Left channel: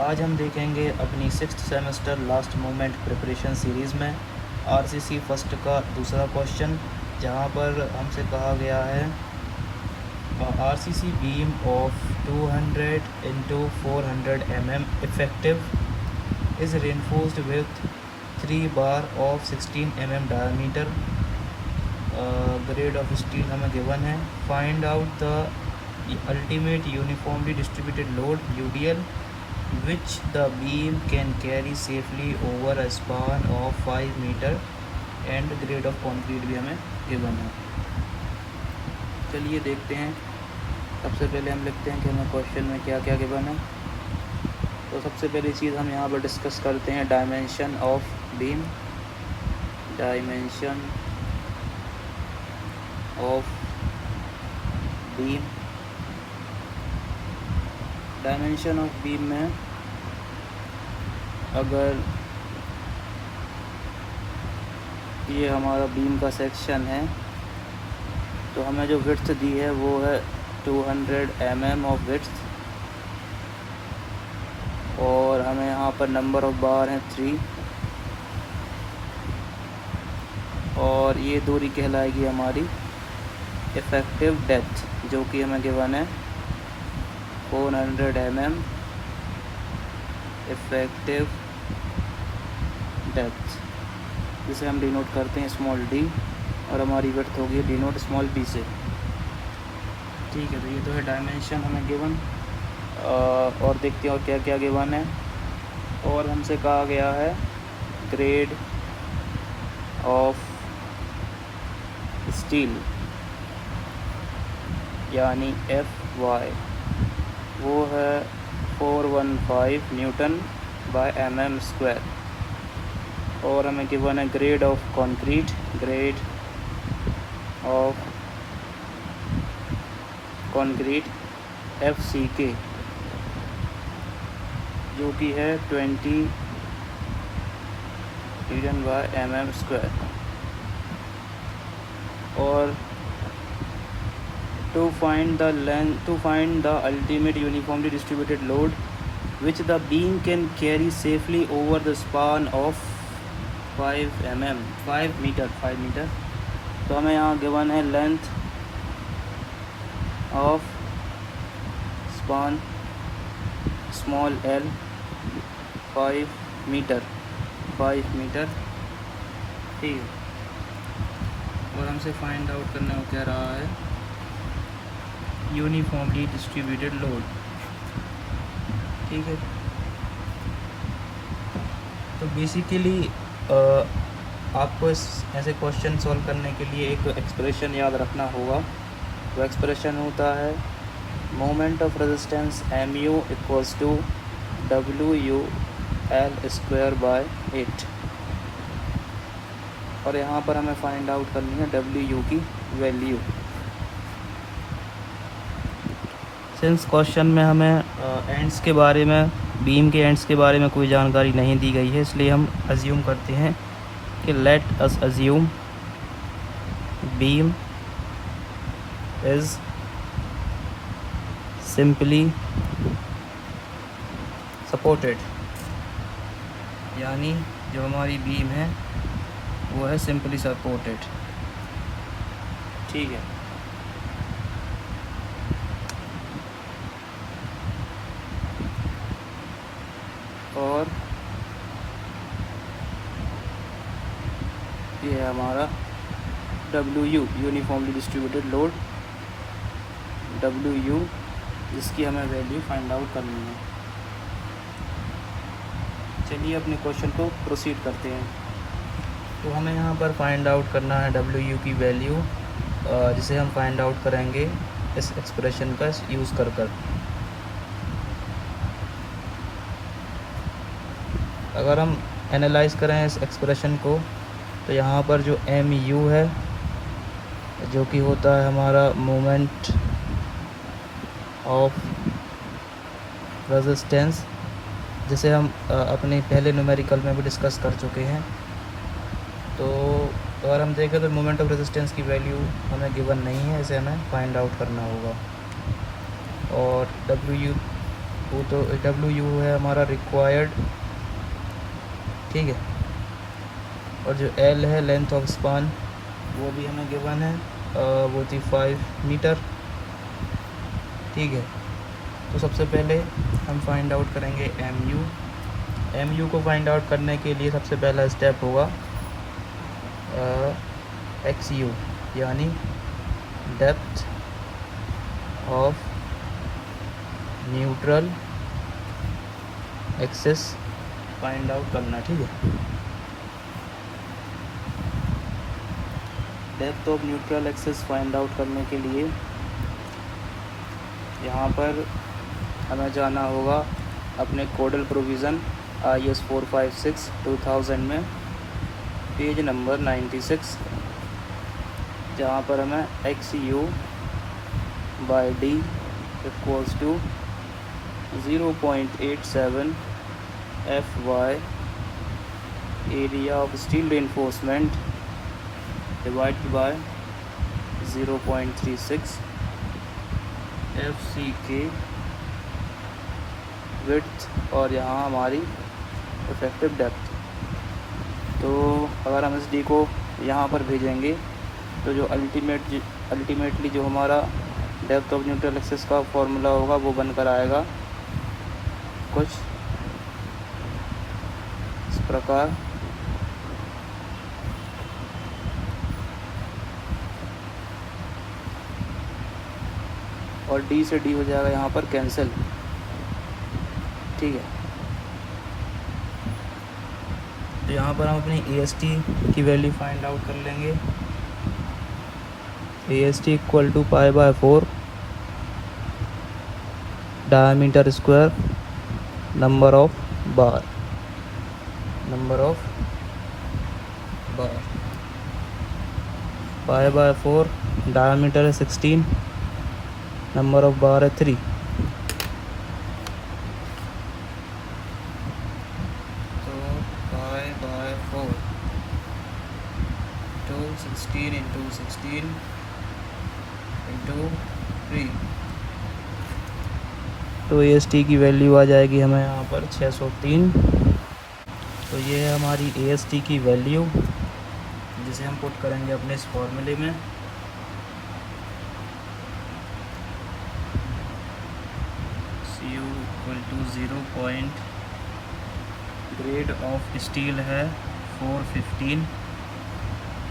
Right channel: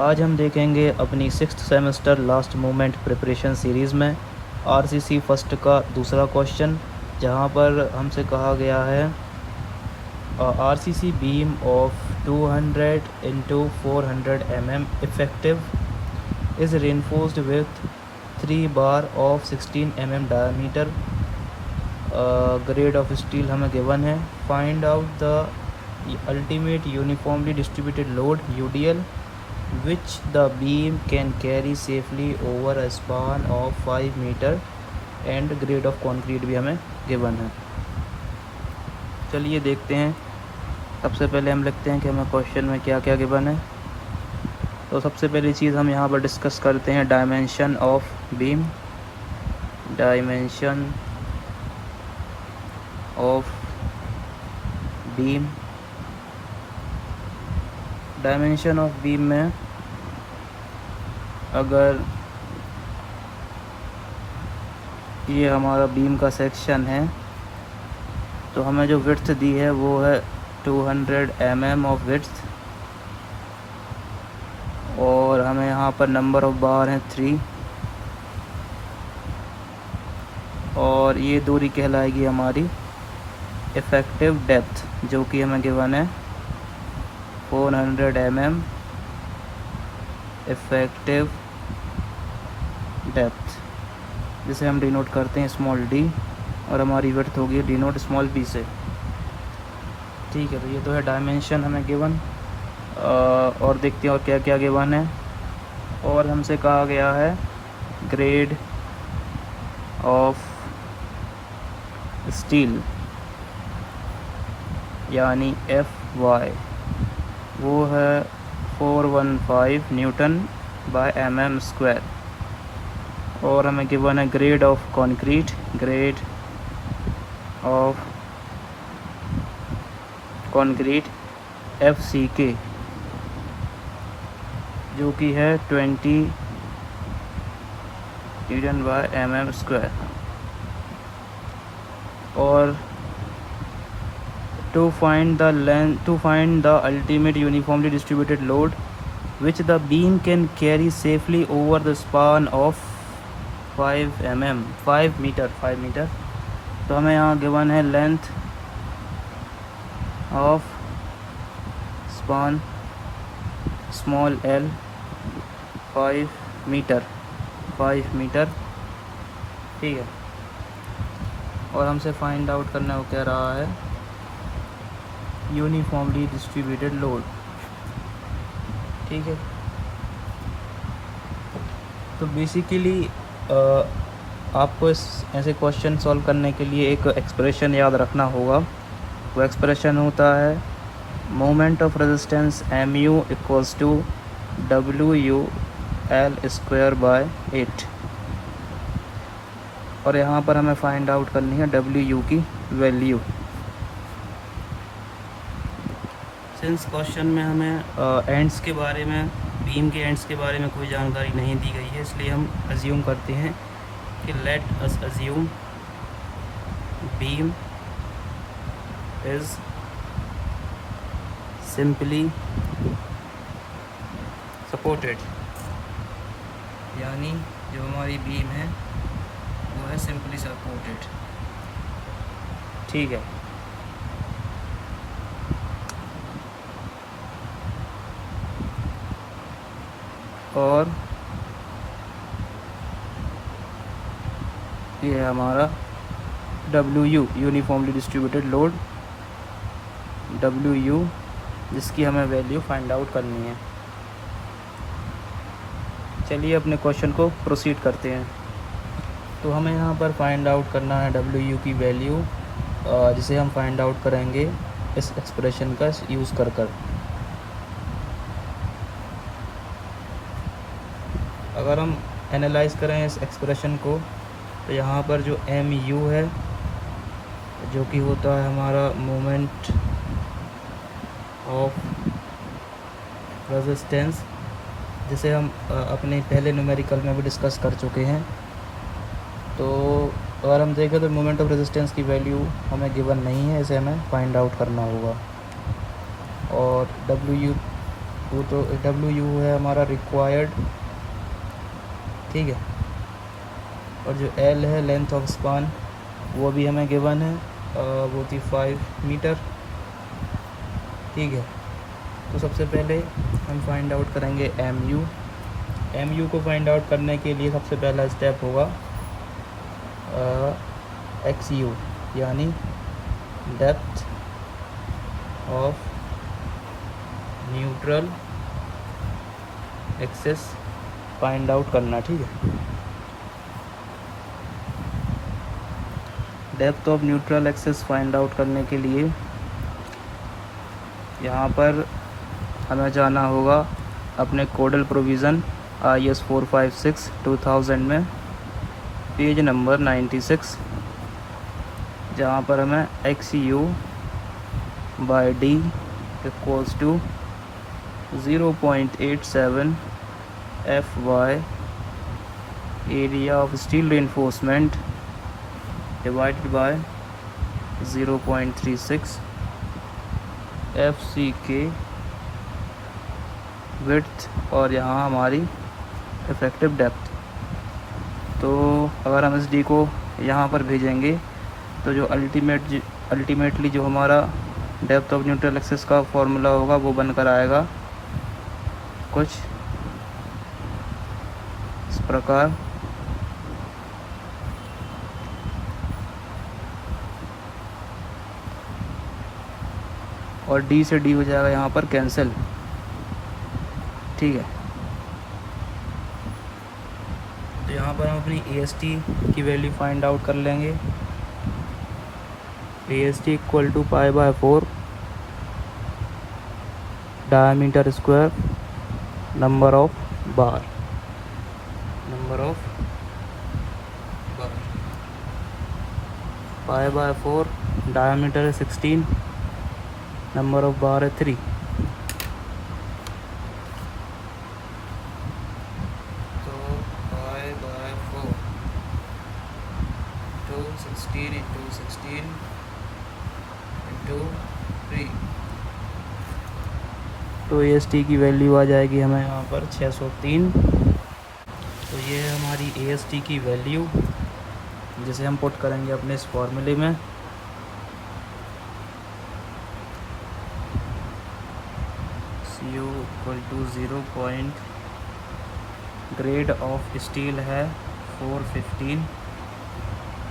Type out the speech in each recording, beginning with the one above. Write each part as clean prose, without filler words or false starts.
आज हम देखेंगे अपनी 6th semester last moment preparation series में आरसीसी फर्स्ट का दूसरा क्वेश्चन, जहां पर हमसे कहा गया है RCC beam of 200 into 400 mm effective is reinforced with 3 bar of 16 mm diameter. Grade of steel हमें गिवन है. Find out the ultimate uniformly distributed load UDL which the beam can carry safely over a span of 5 meter and grade of concrete भी हमें given है. चलिए देखते हैं. सबसे पहले हम लिखते हैं कि हमें क्वेश्चन में क्या क्या गिवन है. तो सबसे पहली चीज़ हम यहाँ पर डिस्कस करते हैं dimension of beam. Dimension of beam. Dimension of beam में अगर ये हमारा बीम का सेक्शन है तो हमें जो विड्थ दी है वो है 200 mm ऑफ विड्थ, और हमें यहाँ पर नंबर ऑफ बार है 3, और ये दूरी कहलाएगी हमारी इफ़ेक्टिव डेप्थ, जो कि हमें गिवन है 400 mm इफ़ेक्टिव डेप्थ, जिसे हम डिनोट करते हैं स्मॉल d, और हमारी विड्थ होगी डिनोट स्मॉल b से. ठीक है, तो ये तो है डायमेंशन हमें गिवन. और देखते हैं और क्या क्या गिवन है. और हमसे कहा गया है ग्रेड ऑफ स्टील यानी FY, वो है 415 न्यूटन बाय mm². और हमें गिवन है grade of concrete. Grade of concrete FCK, जो कि है 20 न्यूटन बाय mm². और to find the ultimate uniformly distributed load which the beam can carry safely over the span of 5 meter. तो हमें यहाँ गिवन है length of span small l 5 metre. ठीक है, और हमसे फाइंड आउट करना वो कह रहा है यूनिफॉर्मली डिस्ट्रीब्यूटेड लोड. ठीक है, तो बेसिकली आपको ऐसे क्वेश्चन सॉल्व करने के लिए एक एक्सप्रेशन याद रखना होगा. वो एक्सप्रेशन होता है moment of resistance MU equals to WU L²/8, और यहाँ पर हमें फाइंड आउट करनी है WU की वैल्यू. सिंस क्वेश्चन में हमें एंड्स के बारे में, बीम के एंड्स के बारे में कोई जानकारी नहीं दी गई है, इसलिए हम अज्यूम करते हैं कि let us assume beam is simply supported, यानी जो हमारी बीम है वो है सिंपली सपोर्टेड. ठीक है, और ये हमारा WU uniformly distributed load WU, जिसकी हमें वैल्यू फाइंड आउट करनी है. चलिए अपने क्वेश्चन को प्रोसीड करते हैं. तो हमें यहाँ पर फाइंड आउट करना है WU की वैल्यू, जिसे हम फाइंड आउट करेंगे इस एक्सप्रेशन का यूज़ कर. अगर हम एनालाइज करें इस एक्सप्रेशन को, तो यहाँ पर जो MU है, जो कि होता है हमारा मोमेंट ऑफ रेजिस्टेंस, जिसे हम अपने पहले न्यूमेरिकल में भी डिस्कस कर चुके हैं. तो अगर हम देखें तो मोमेंट ऑफ रेजिस्टेंस की वैल्यू हमें गिवन नहीं है, इसे हमें फाइंड आउट करना होगा. और WU वो तो WU है हमारा रिक्वायर्ड, ठीक है। और जो L है लेंथ ऑफ स्पान, वो भी हमें गिवन है, वो थी 5 मीटर, ठीक है। तो सबसे पहले हम फाइंड आउट करेंगे MU को फाइंड आउट करने के लिए सबसे पहला स्टेप होगा XU, यानी depth of neutral axis find out करना, ठीक है। Depth of neutral axis find out करने के लिए यहाँ पर हमें जाना होगा अपने कोडल प्रोविज़न IS 456 2000 में पेज नंबर 96, जहाँ पर हमें XU by D equals to 0.87 FY area of steel reinforcement divided by 0.36 FCK width, और यहाँ हमारी इफेक्टिव डेप्थ। तो अगर हम इस D को यहाँ पर भेजेंगे तो जो अल्टीमेटली जो हमारा डेप्थ ऑफ न्यूट्रल एक्सिस का फॉर्मूला होगा वो बनकर आएगा कुछ इस प्रकार। और D से D हो जाएगा यहाँ पर कैंसिल, ठीक है। तो यहाँ पर हम अपनी AST की वैल्यू फाइंड आउट कर लेंगे। AST equal to π/4 diameter square number of bar π/4 diameter है 16, नंबर ऑफ बार है 3। तो π/4 to 16 into 16 into 3, तो AST की वैल्यू आ जाएगी हमें यहाँ पर 603। तो ये है हमारी AST की वैल्यू, जिसे हम पुट करेंगे अपने इस फॉर्मूले में। CU equal to 0 point, grade of steel है 415,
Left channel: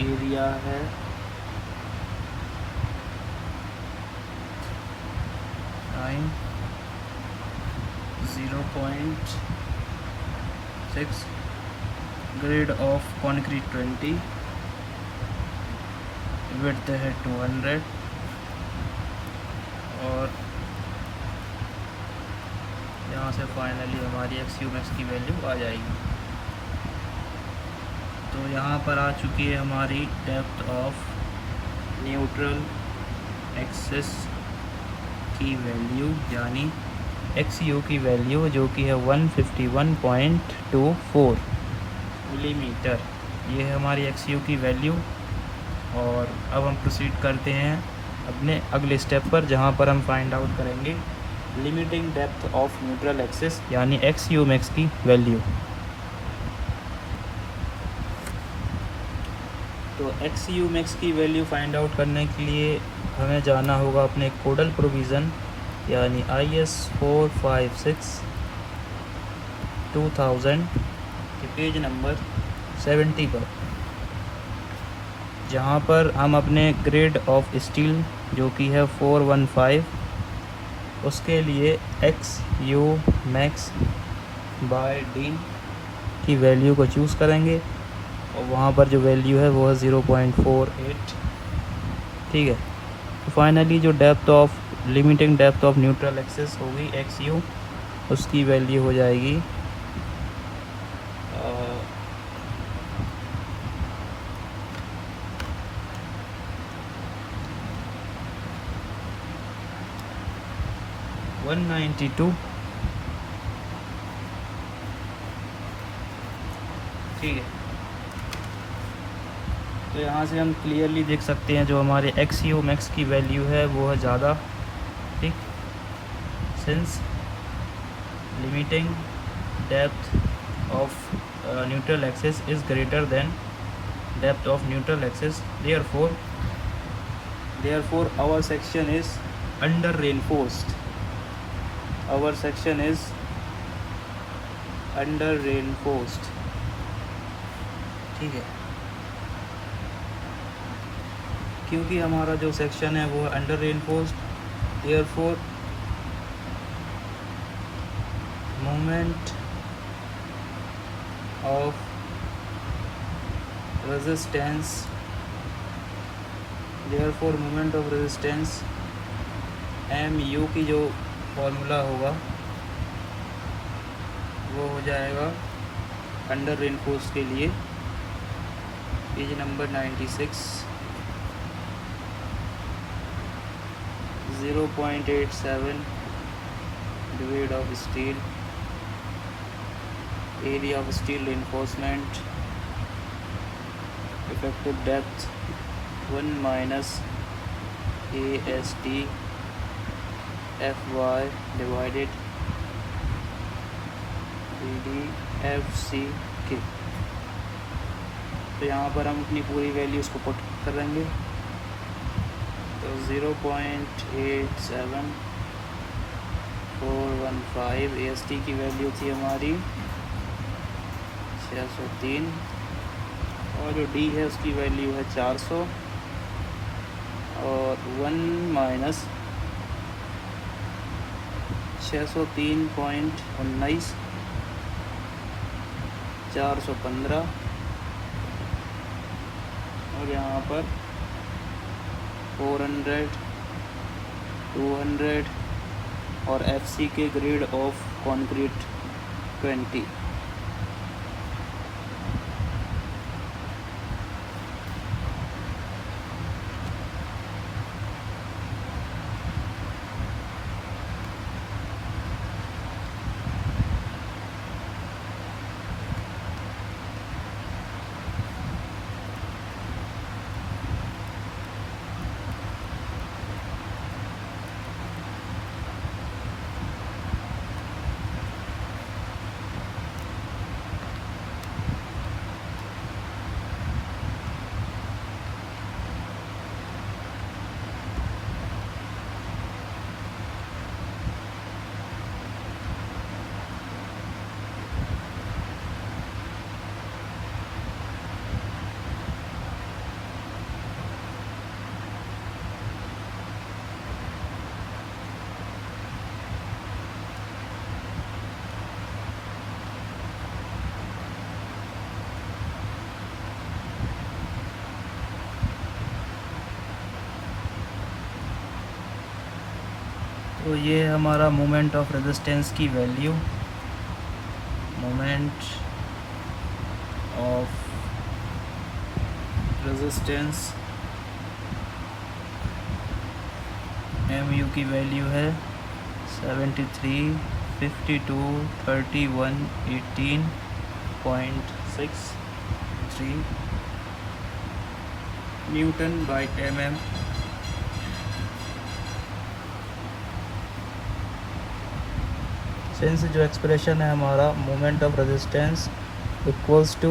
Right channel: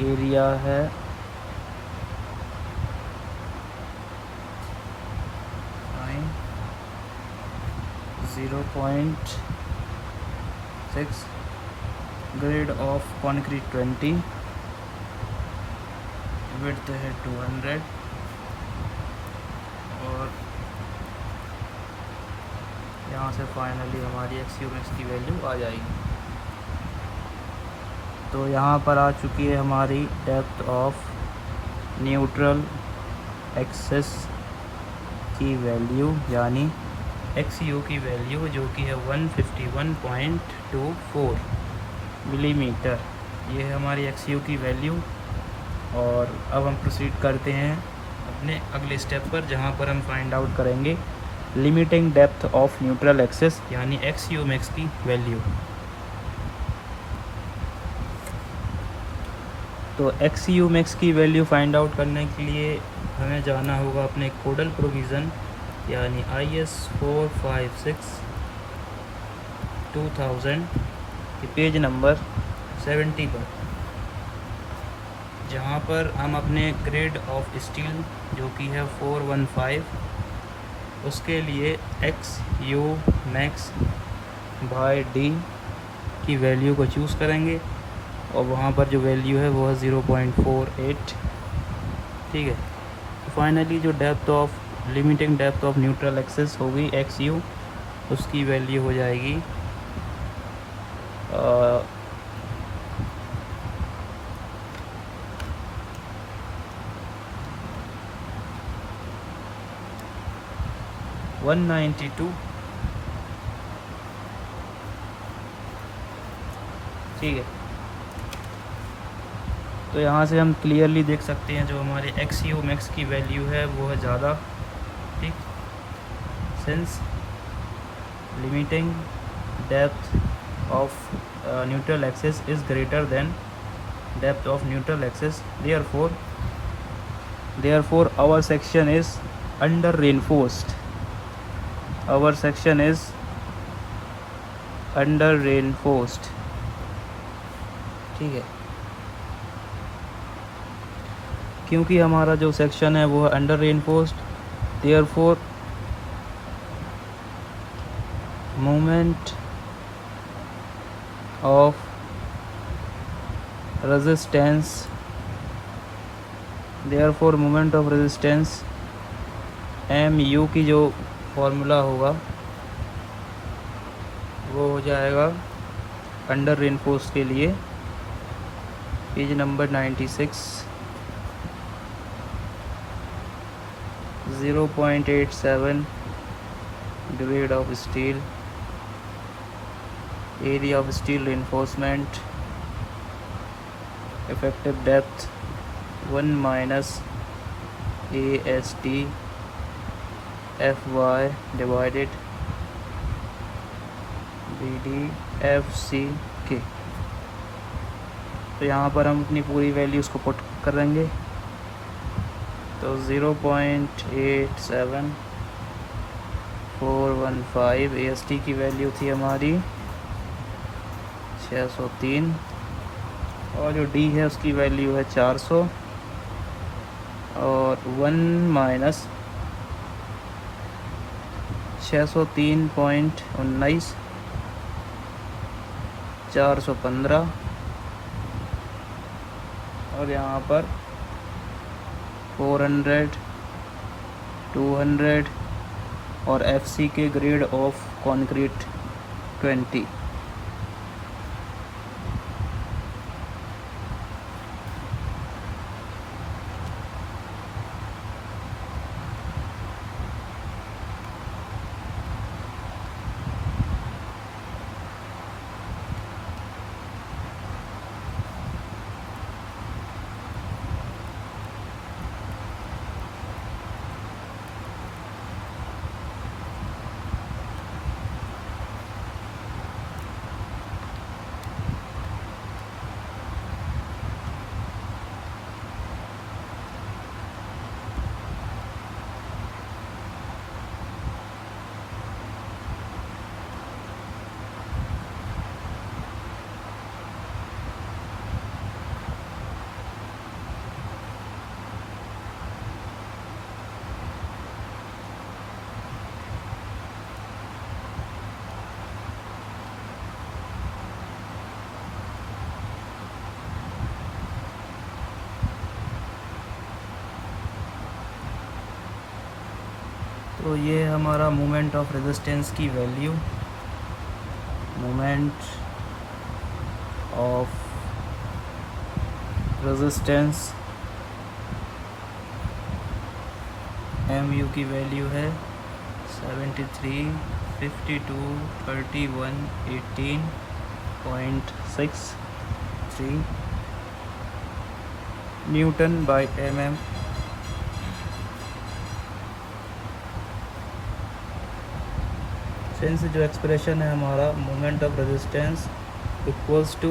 एरिया है 0.6, ग्रेड ऑफ कॉन्क्रीट 20, विड्थ है 200, और यहाँ से फाइनली हमारी XU मैक्स की वैल्यू आ जाएगी। तो यहाँ पर आ चुकी है हमारी डेप्थ ऑफ न्यूट्रल एक्सिस की वैल्यू, यानी XU की वैल्यू, जो कि है 151.24 मिलीमीटर। ये है हमारी XU की वैल्यू। और अब हम प्रोसीड करते हैं अपने अगले स्टेप पर, जहाँ पर हम फाइंड आउट करेंगे limiting depth of neutral axis, यानी XU मैक्स की वैल्यू। तो XU मैक्स की वैल्यू फाइंड आउट करने के लिए हमें जाना होगा अपने कोडल प्रोविज़न, यानी IS 456 2000 के पेज नंबर 70 पर, जहाँ पर हम अपने ग्रेड ऑफ स्टील जो कि है 415, उसके लिए XU मैक्स बाय D की वैल्यू को चूज़ करेंगे, और वहाँ पर जो वैल्यू है वो है 0.48, ठीक है। तो फाइनली जो depth of limiting depth of neutral axis होगी XU, उसकी वैल्यू हो जाएगी 192, ठीक है। तो यहाँ से हम क्लियरली देख सकते हैं जो हमारे XU मैक्स की वैल्यू है वो है ज़्यादा, ठीक। Since limiting depth of neutral axis is greater than depth of neutral axis. Therefore our section is under reinforced. Our section is under reinforced. ठीक है, क्योंकि हमारा जो सेक्शन है वो है under reinforced, therefore moment of resistance MU की जो फॉर्मूला होगा वो हो जाएगा अंडर रेनफोर्स के लिए, page number 96, 0.87 grade of steel, area of steel reinforcement, effective depth 1 minus AST FY divided BDFCK। तो यहाँ पर हम अपनी पूरी वैल्यूज़ को पुट करेंगे। तो 0.87415 AST की वैल्यू थी हमारी 603, और जो D है उसकी वैल्यू है 400, और 1 माइनस 603.19 415, और यहाँ पर 400 200 और FC के ग्रेड ऑफ कंक्रीट 20। तो ये हमारा मोमेंट ऑफ रेजिस्टेंस की value, moment of resistance MU की वैल्यू है 73, 52, 31, 18.63 न्यूटन बाय mm। सिंस जो एक्सप्रेशन है हमारा moment of resistance equals to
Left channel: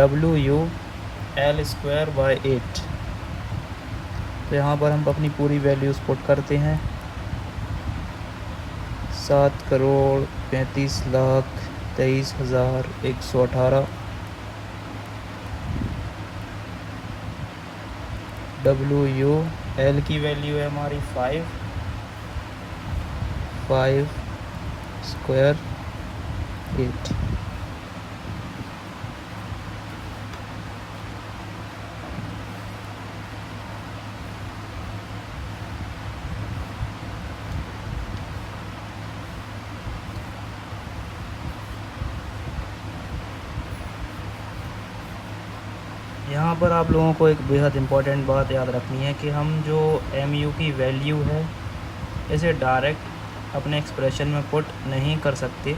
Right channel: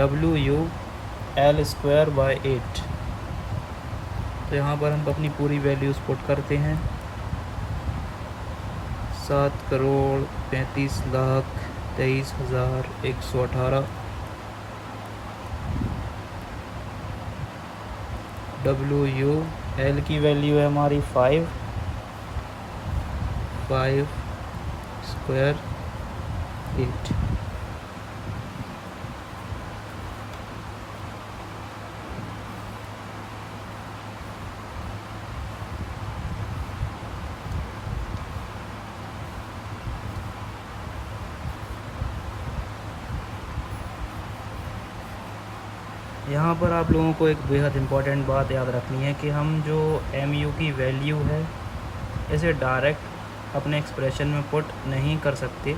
WU L square by 8, तो यहाँ पर हम अपनी पूरी वैल्यूज़ पुट करते हैं। 7,35,23,118 WU L की वैल्यू है हमारी 5 स्क्वायर 8। यहाँ पर आप लोगों को एक बेहद इम्पॉर्टेंट बात याद रखनी है कि हम जो MU की वैल्यू है इसे डायरेक्ट अपने एक्सप्रेशन में पुट नहीं कर सकते।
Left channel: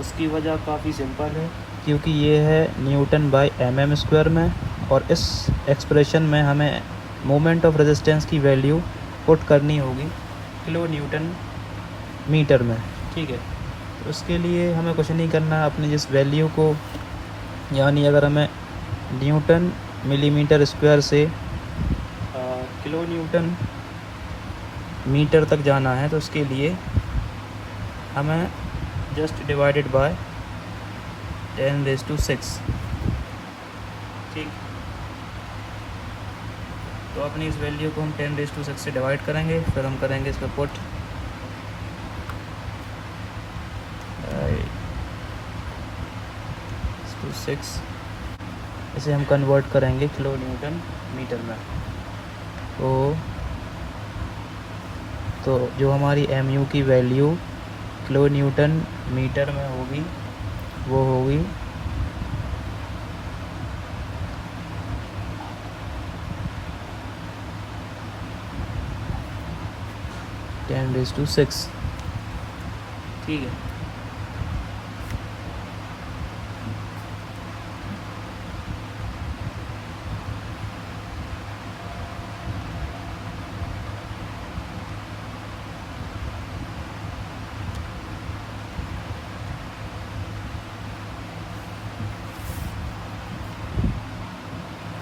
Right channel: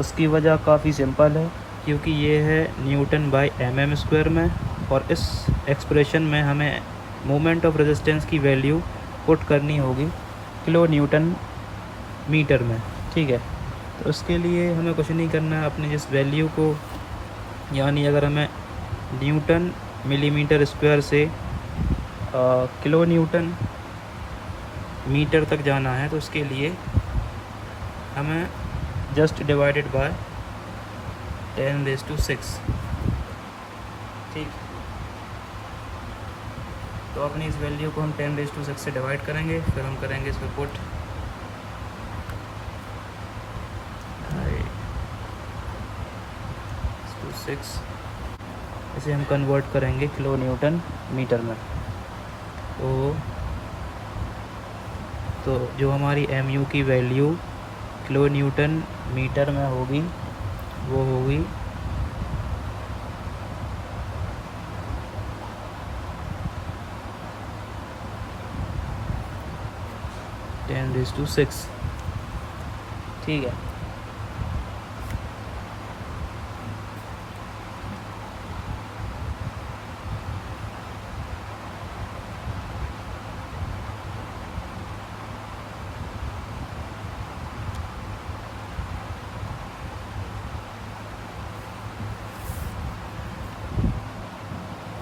उसकी वजह काफ़ी सिंपल है, क्योंकि ये है न्यूटन बाय mm स्क्वायर में, और इस एक्सप्रेशन में हमें मोमेंट ऑफ रेजिस्टेंस की वैल्यू पुट करनी होगी किलो न्यूटन मीटर में। ठीक है, तो उसके लिए हमें कुछ नहीं करना है, अपनी जिस वैल्यू को, यानी अगर हमें न्यूटन मिलीमीटर स्क्वायर से किलो न्यूटन मीटर तक जाना है, तो उसके लिए हमें जस्ट डिवाइडेड बाय 10⁶, ठीक। तो अपनी इस वैल्यू को हम 10⁶ से डिवाइड करेंगे, फिर हम करेंगे इस पर पुट 6, इसे हम कन्वर्ट करेंगे किलो न्यूटन मीटर में। तो जो हमारी mu की वैल्यू किलो न्यूटन मीटर में होगी वो होगी 10⁶, ठीक है।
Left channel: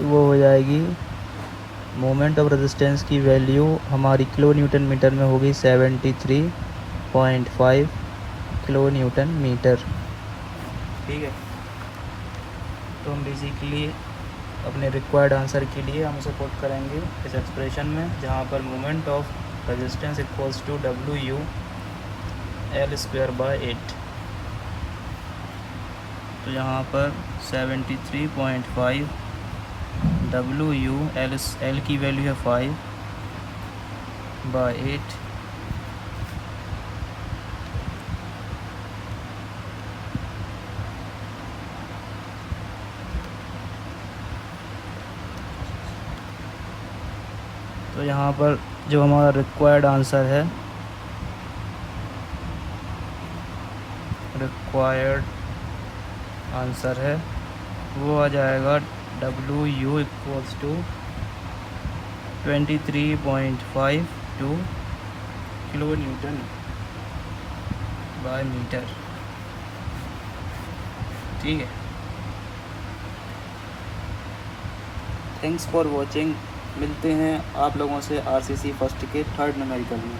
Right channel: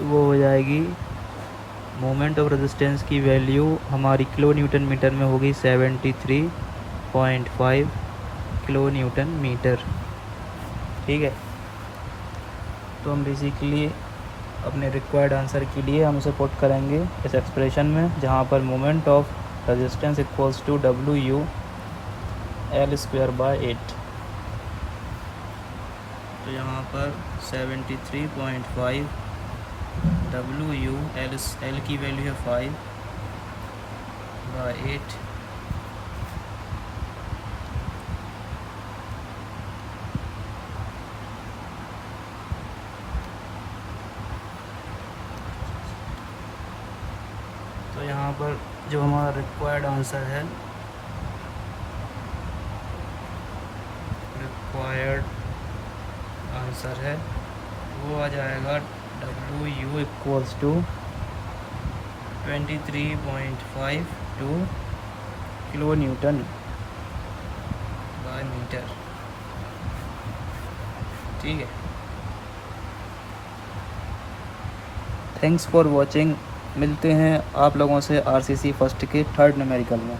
वो हो जाएगी मोमेंट ऑफ रेजिस्टेंस की वैल्यू हमारी किलो न्यूटन मीटर में होगी 73.5 किलो न्यूटन मीटर, ठीक है। तो हम बेसिकली अपने रिक्वायर्ड आंसर के लिए हम इसे पुट करेंगे इस एक्सप्रेशन में, जहाँ पर moment of resistance equals to WU L²/8। तो यहाँ पर 73.5 WU L की वैल्यू है 5/8, तो यहाँ पर जो हमारा रिक्वायर्ड आंसर है वो आ जाएगा WU equals to 23.52 kilo newton by metre, ठीक है। Thanks for watching. मिलते हैं आप लोगों से RCC फर्स्ट के 3rd न्यूमेरिकल में।